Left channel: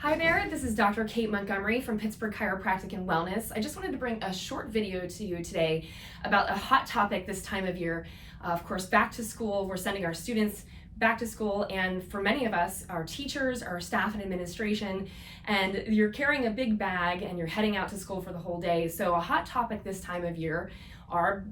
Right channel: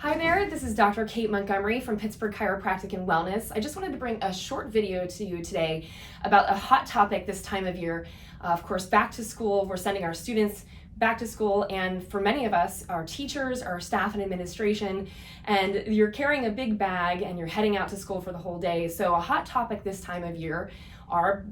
Hi there, this is Dr. Kate Montgomery from Pittsburgh Chiropractic and Wellness. I just wanted to bring a short video to you today about a hot topic this time of year. Of course, back to school. We're sending our students back to school, and for many of us, our teachers, our staff and administration, and you're carrying a big bag and you're heading out to school for the whole day. So a hot topic this time of year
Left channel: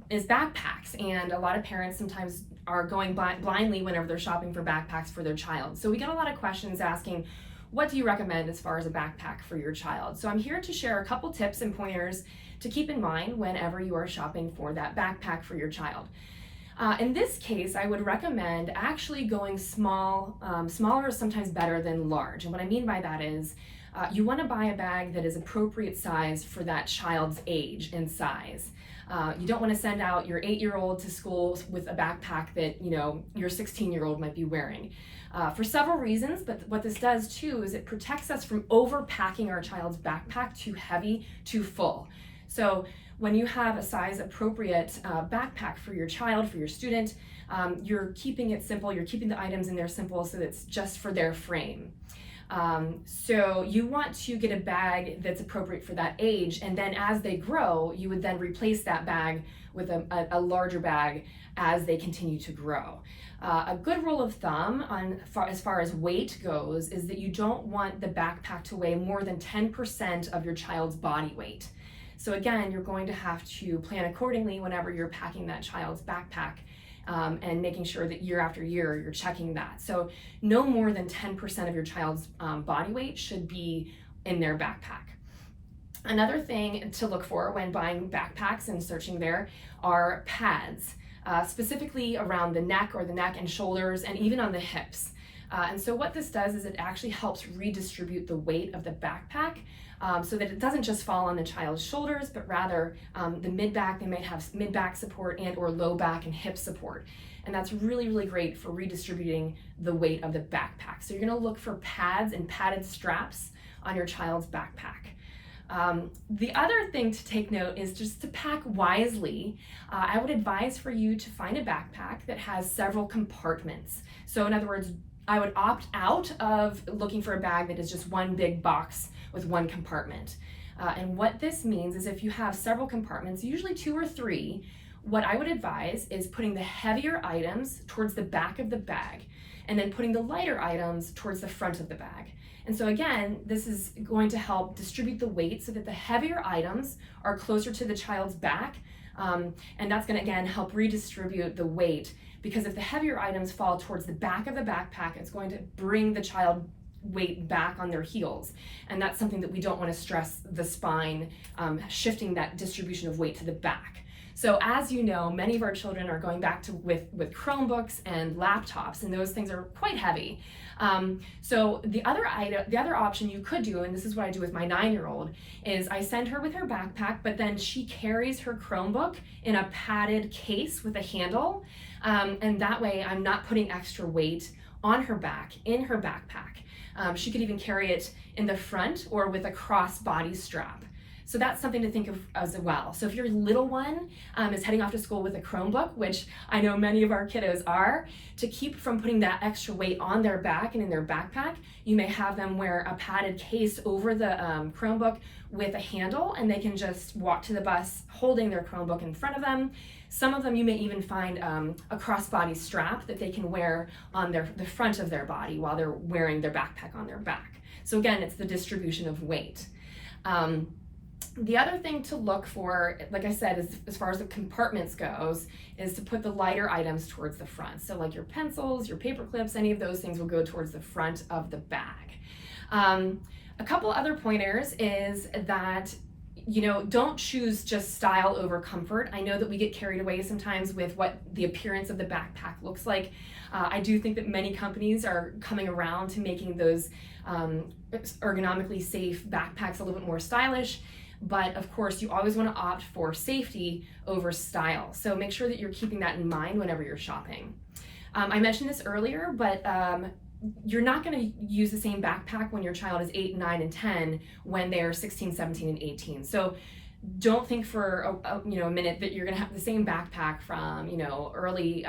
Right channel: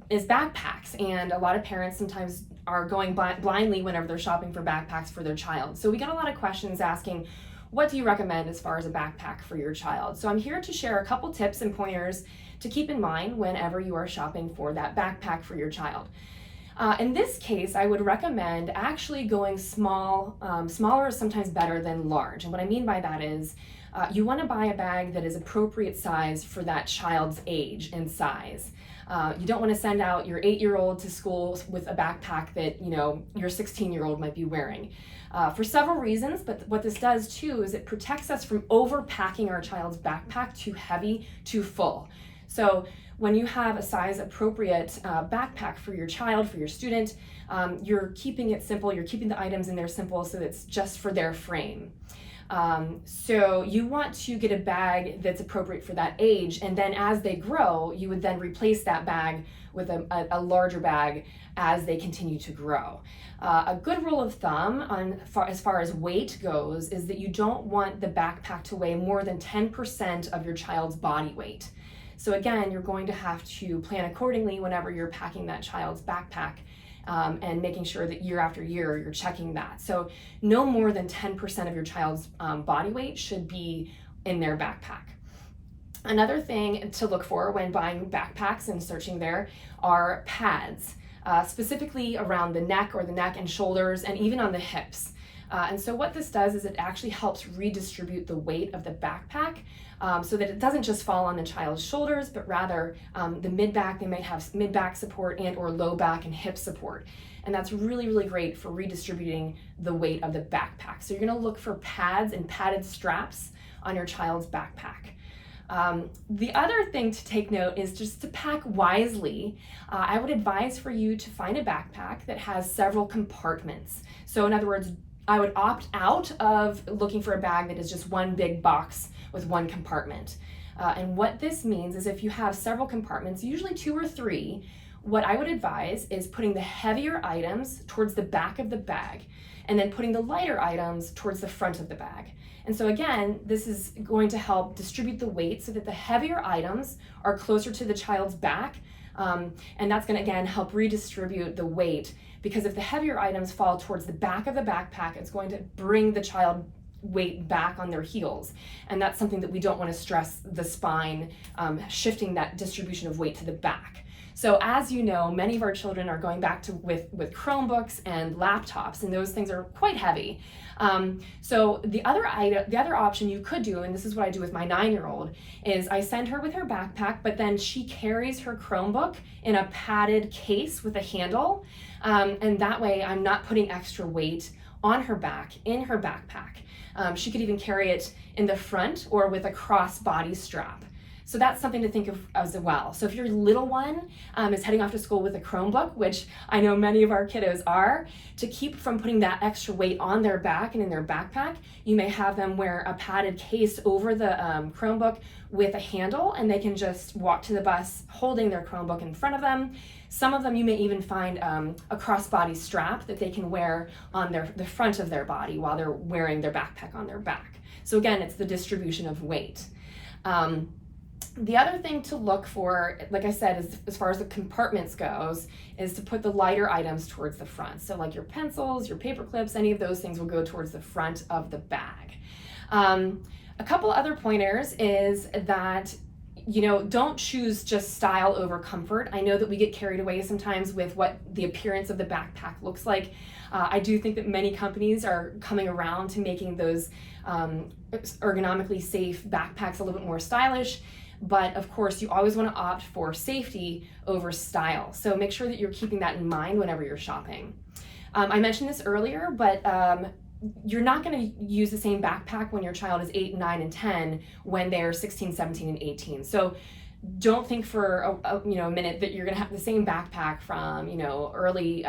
is backpacks, and a lot of parents sometimes are going blindly whenever they're shopping for backpacks for their child. So we got a lot of questions asking, what do you recommend as far as a backpack for your child? So I'm here to share a couple tips and pointers to keep in mind whenever you are shopping for that backpack for your child. In this case, I would recommend actually going small. Smaller is sometimes better than large. And what I mean by that is you want to buy a bag that is appropriate size for that child's age and size. You don't want to send out your 8-year-old to school with a backpack that your 16-year-old might be wearing. For several reasons, but what this does too is it protects us from overpacking our child's backpack too heavy, too full. So when you have a size appropriate backpack for your child, for your student, you're keeping it simple, you're keeping the items in there simple so it's just for their frame. So you want to get a bag that's appropriate for that age, and then as they grow, you would then replace that bag with a larger bag as they continue to grow. A good rule of thumb as far as weight goes is that you don't want the backpack to weigh more than 10% of your child's body weight. So again, you're going to have to plan accordingly whenever you're packing that child's backpack and making sure that year after year you're checking that. So no more than 10% of your child's body weight should be in their backpack. Another thing to look for when buying backpacks and searching there are pads. Specifically around the neck and shoulders, and even on the hips. And so what this does is it actually helps redistribute the weight of the backpack so that it doesn't just fall on the child's shoulders, but rather the mid-back. They might have mid-back support and or low back and hip support. And that's really, really great for redistributing the weight of the backpack. So you're gonna look for pads and padded straps on your child's backpack. The other thing to take note is just to pack wisely. I would advise for you to find a backpack that has several compartments. So in other words, I would opt out of looking for a bag that is just one big box with one compartment. And what this means is if you have several compartments, usually 2 or 3, what I would advise is putting the heavier items towards the back of the bag and then putting the lighter items towards the front of the bag. And so again, this is going to help distribute the weight so that the heavier items are closer to the child's back. And that's going to again help redistribute the weight, because if the heavier items fall towards the back of the backpack, it's going to bring the child weight back on their heels. And that's something that we don't want to stress the spine, shifting that distribution of weight to the back. So as you know, many of our children are going back to with Chromebooks and laptops, and those things are quite heavy. So the other option you could do, and this is what I do with my 9-year-old, is I send her with her backpack, but then she carries her Chromebook in a padded case with a handle, and that way I'm not putting extra weight on her back in her backpack. She could even carry it in the front or with a crossbody strap. So that's something to think of as well. So if your little one is heading off to school with a Chromebook, which I know many of our kiddos are, to keep from putting that extra weight on their back and in their backpack, you may have them wear a padded case over the Chromebook with a handle, and they can just walk to the bus holding their Chromebook in front of them. Some of them you may even find a crossbody strap that they can wear on the front of their body while they're wearing their backpack on their back. So again, it's the distribution of weight. The other thing to look for, like I said, is as far as the compartments goes, is to put the lighter items towards the front. So like your pencils, your paper clips, any of those things will go towards the front of the bag. A couple other pointers is that, don't choose just style over comfort. I know that we get carried away sometimes with what the appearance of the backpack looks like. I do think that many companies are coming around to making those ergonomically safe backpacks a little bit more stylish. But of course, you always want to opt for safety over style. So make sure that you're keeping that in mind whenever you're shopping. I mentioned this earlier, but you're not going to use the same backpack when your child is 8, 9, and 10 when they're 16, 17, and 18. So don't think for a minute that you're going to have the same backpack from early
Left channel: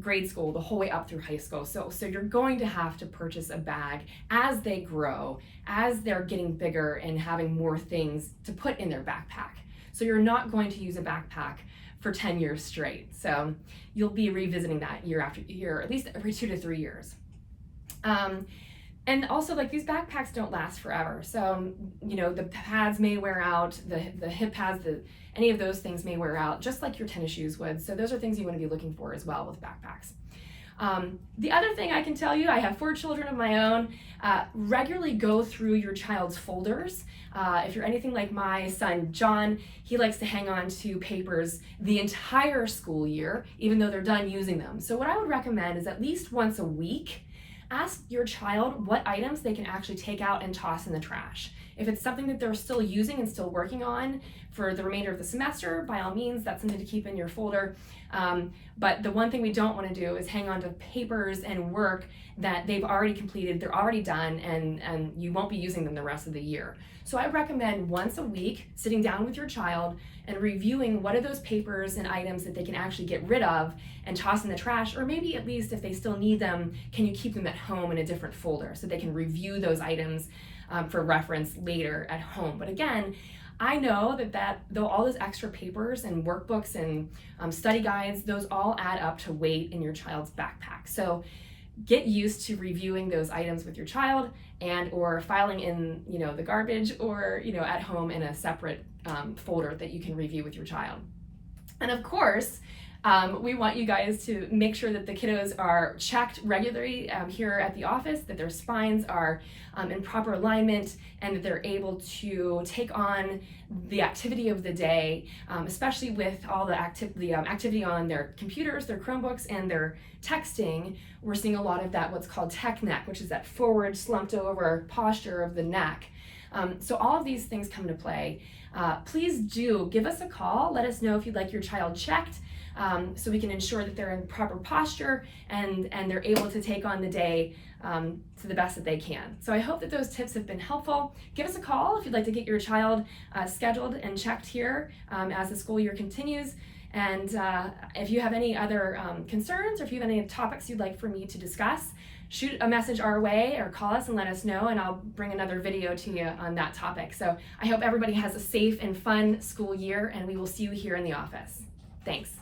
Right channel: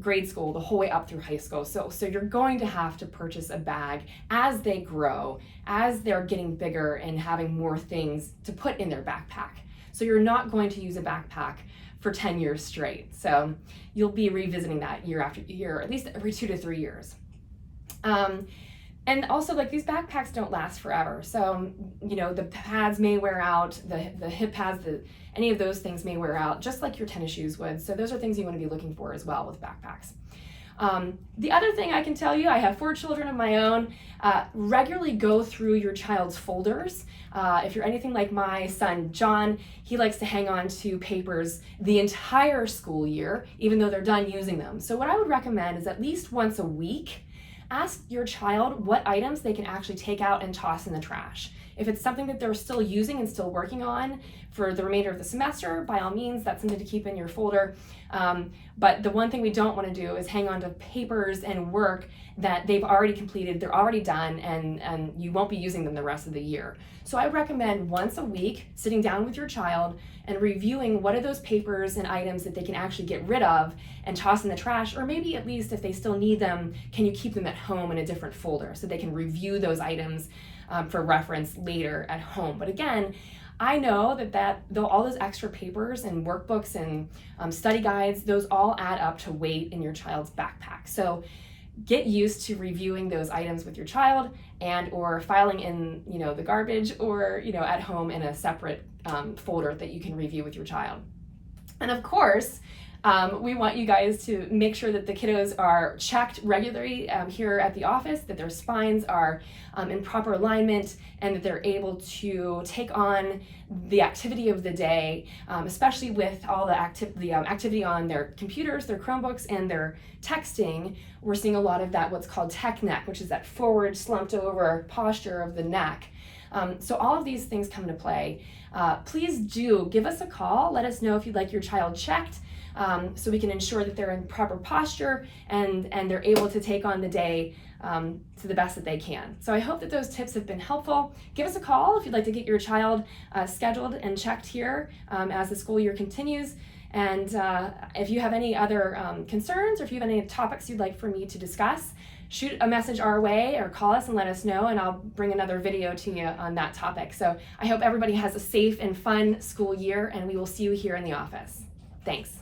grade school the whole way up through high school. So you're going to have to purchase a bag as they grow, as they're getting bigger and having more things to put in their backpack. So you're not going to use a backpack for 10 years straight. So you'll be revisiting that year after year, at least every 2 to 3 years. And also, like, these backpacks don't last forever. So, the pads may wear out, the hip pads, any of those things may wear out, just like your tennis shoes would. So those are things you want to be looking for as well with backpacks. The other thing I can tell you, I have 4 children of my own. Regularly go through your child's folders. If you're anything like my son, John, he likes to hang on to papers the entire school year, even though they're done using them. So what I would recommend is at least once a week, ask your child what items they can actually take out and toss in the trash. If it's something that they're still using and still working on for the remainder of the semester, by all means, that's something to keep in your folder. But the one thing we don't want to do is hang on to papers and work that they've already completed, they're already done, and you won't be using them the rest of the year. So I recommend once a week sitting down with your child and reviewing what are those papers and items that they can actually get rid of and toss in the trash, or maybe at least if they still need them, can you keep them at home in a different folder so they can review those items for reference later at home. But again, I know that though all those extra papers and workbooks and study guides, those all add up to weight in your child's backpack. So get used to reviewing those items with your child and or filing in the garbage or at home in a separate folder that you can review with your child. And of course, we want you guys to make sure that the kiddos are checked regularly here at the office, that their spines are in proper alignment, and that they're able to take on the activity of the day, especially with all the activity on their computers, their Chromebooks, and their texting. We're seeing a lot of that, what's called tech neck, which is that forward slumped over posture of the neck. So all of these things come into play. Please do give us a call. Let us know if you'd like your child checked, so we can ensure that they're in proper posture and they're able to take on the day to the best that they can. So I hope that those tips have been helpful. Give us a call if you'd like to get your child scheduled and checked here as the school year continues. And if you have any other concerns, or if you have any topics you'd like for me to discuss, shoot a message our way or call us and let us know, and I'll bring another video to you on that topic. So I hope everybody has a safe and fun school year, and we will see you here in the office. Thanks.